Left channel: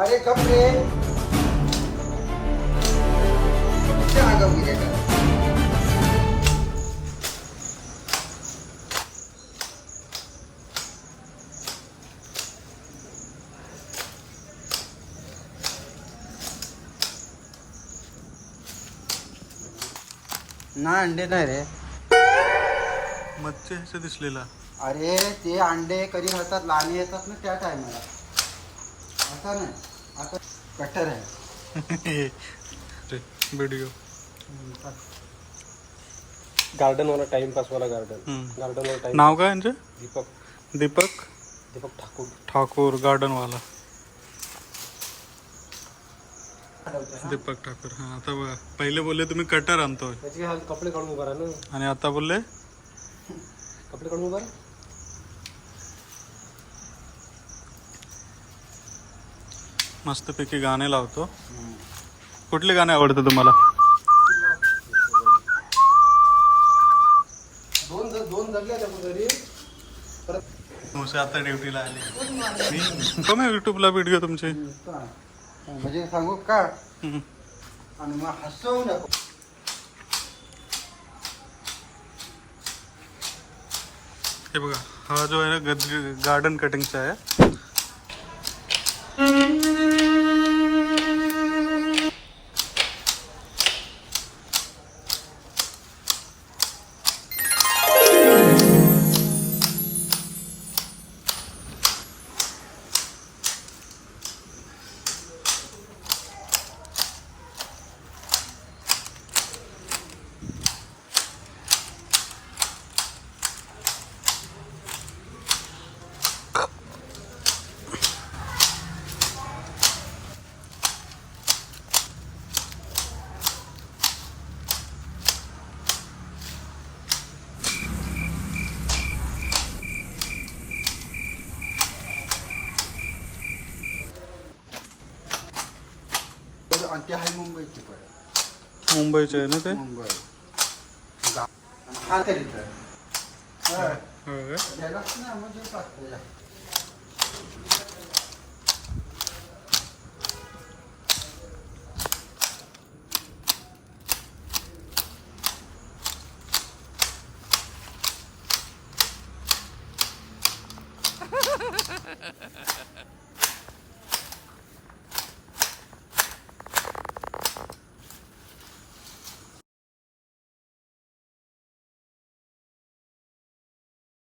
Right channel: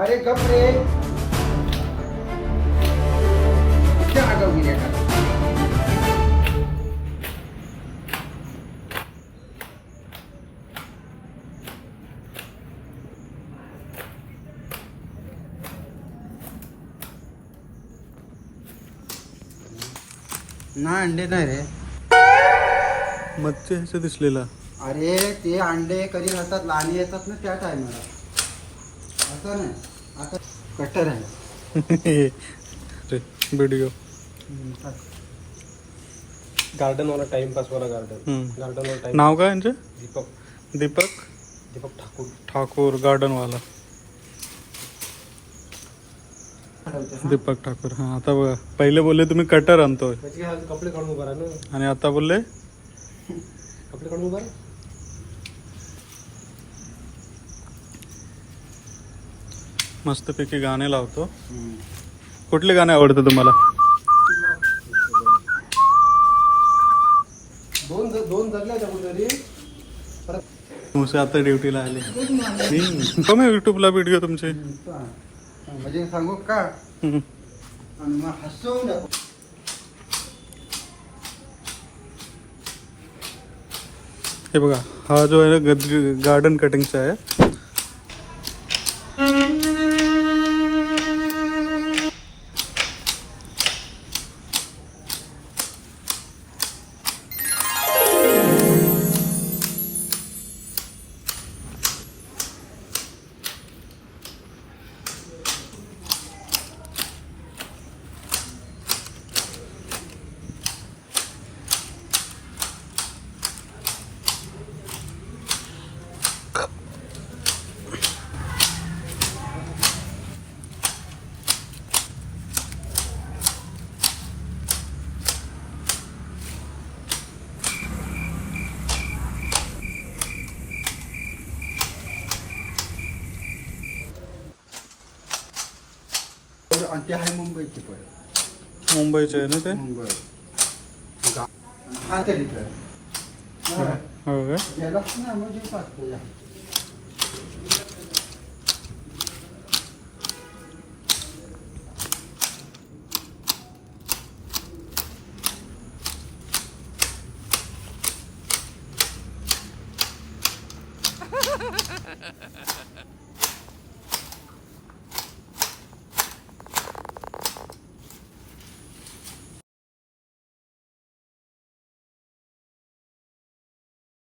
अरे कप रे क्या आगाऊ गेले का? ना अंडे नाही रे. मच्छी ह्याचं दिसलेला. अरे ते अंडे कधी येतात लाली येतात ना त्या टायमाला. आता नाही आता कटर आहे. व्हिडिओ गार्डन वाला टाइमपास वाला गार्डन वाला टाइम. नाव काय यांचे? दीपक दीपक दीपक ठाकूर. ठाकूर गार्डन वाला. दीपक ठाकूर. हा आता बघा, पहिले बोलले तुम्ही कटर आणतोय त्याची हा कपडे काढून उभा राहा ना. आणि आता बोलले कपडे काढून उभा राहा. मस्तपैकी गाणे लावतो. कुठले गाणे आवडतं तुम्हाला? दोन धरल्या तरी मुसे आता ड्युटीला आले. कोण युट्यूबला व्हिडिओ तुमचे? म्हणजे सांगू का हम्म. आणि मग हसवून दाखव. हे बघा, हा जो आहे ना गार्डन कटिंगचा आहे. आणि ते आहे मुंबईची परत. मुंबईचे आहे ना ते? मुंबई हा तरी तर हो का? यालाच ना म्हणजे पाठवूया.